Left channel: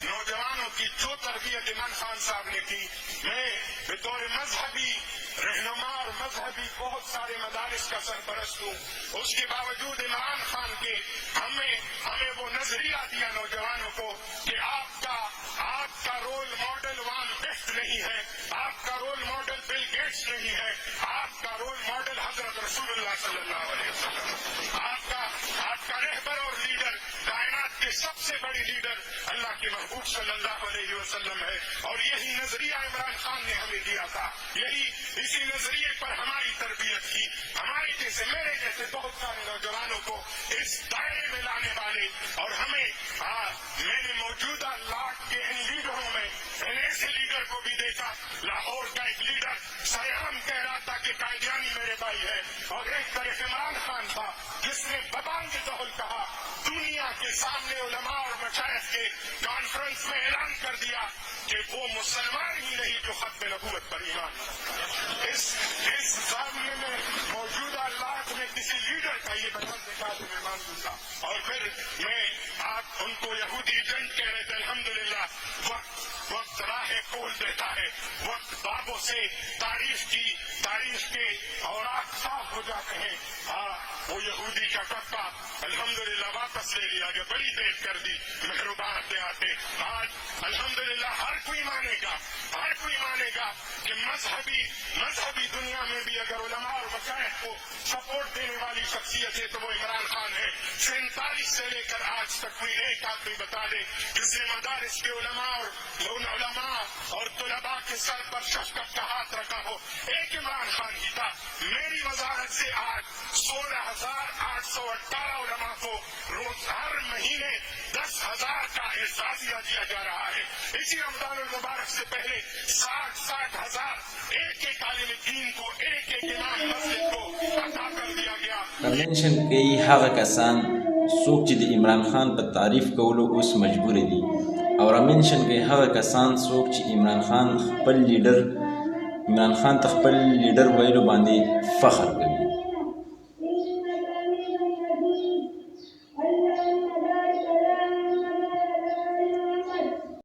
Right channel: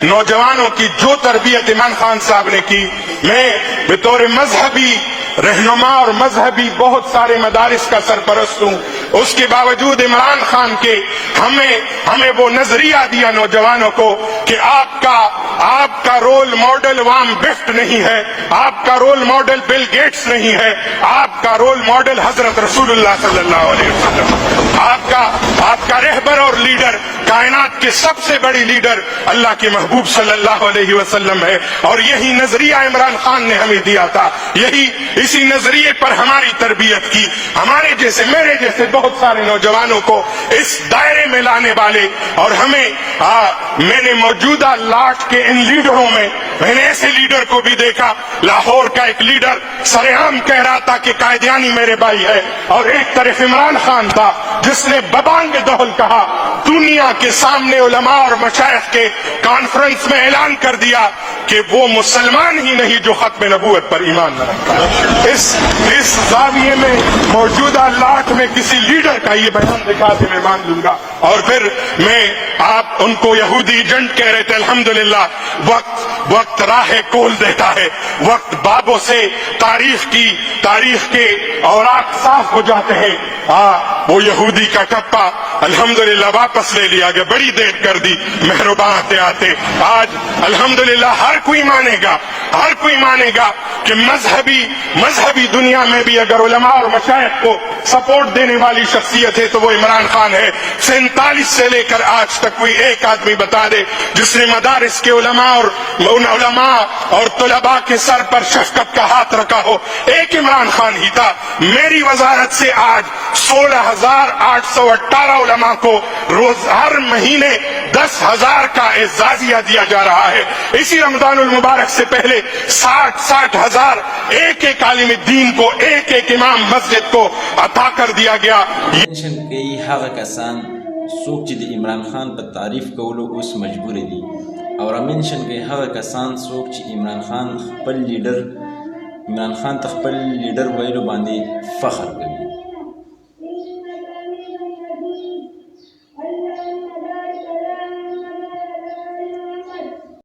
نوجوانوں کی جو تربیت عمران خان صاحب نے کی، میں بطور مذہبی رہنما اور مذہبی بہت سارے مدارس کا سرپرست ہوں، اس کے باوجود عمران خان کے ہمیں وہ نظریہ دیا نوجوانوں کو کہ آپ کا رول ماڈل وارن بفٹ نہیں ہے، آپ کا رول ماڈل بل گیٹس نہیں ہے، آپ کا رول ماڈل حضرت رسول اللہ صلی اللہ علیہ وسلم، آپ کا رہبر اور لیڈر، کائنات کے سب سے بڑی لیڈر اللہ کے محبوب صلی اللہ علیہ وسلم ہے۔ اور یہی نظریہ عمران خان نے ہمیں دیا تھا، اسی نظریے پر ہماری تربیت کی، ہمارے جیسے میرے جیسے بہت سارے نوجوانوں کو اس دائرے میں لانے والے، اور میں نے موجودہ لاٹ کے ان لیڈروں میں نے ایسے لیڈر کو بھی دیکھا، لاہور کا ایک لیڈر سرعام کہہ رہا تھا کہ قائدیانی میرے بھائی ہے، اور ایک طرف عمران خان تھا جس نے ببانگ دہل کہا، دنیا کے سامنے علماء اور مشائخ کے کانفرنس میں اعلان کر دیا کہ وہ مسلمان ہی نہیں جو ختم نبوت پر ایمان نہ رکھتا۔ اس زاویے میں موجودہ لاٹ میں کسی لیڈر کا یہ بیان دکھا کے میں مان لوں گا۔ اور پھر آپ ان کو یہودی ایجنٹ کہہ رہے تھے، الحمدللہ وقت راہ کول دیتا ہے، وقت بابوں سے تاریخ کے اوراق صاف ہو جاتے ہیں۔ وہ یہودی کا ٹپا الحمدللہ واپس لے لیا گیا، بڑی دیر کر دی مہربان آتے۔ آج الحمدللہ ہر کوئی مانے گا کہ مذہبی دنیا میں بھی اگر علماء اور مشائخ کو سپورٹ دینے والی شخصیت ہے تو وہ عمران خان ہے۔ 47 سے لے کر آج تک کوئی ایک آدمی بتا دے جس نے مدارس کے علماء اور طلباء کے سر پر شفقت کا ہاتھ رکھا ہو، ایک عمران خان ہی تھا۔ میری وزارت سے آج 16,818 علماء کو ہر مہینے 10,000 کا اعزازیہ دیا جا رہا ہے۔ اسی رمضان المبارک سے پہلے 60,000 ایک عالم دین کو، ایک امام مسجد کو عطا کر دیا گیا۔ منشن کئی هغه کسان څوک چې د عمران خان په تعریف کولو اوس مجبور دي، او منشن کئی هغه کسان څوک چې عمران خان ته خپل لیډر ویلو باندې فخر کوي۔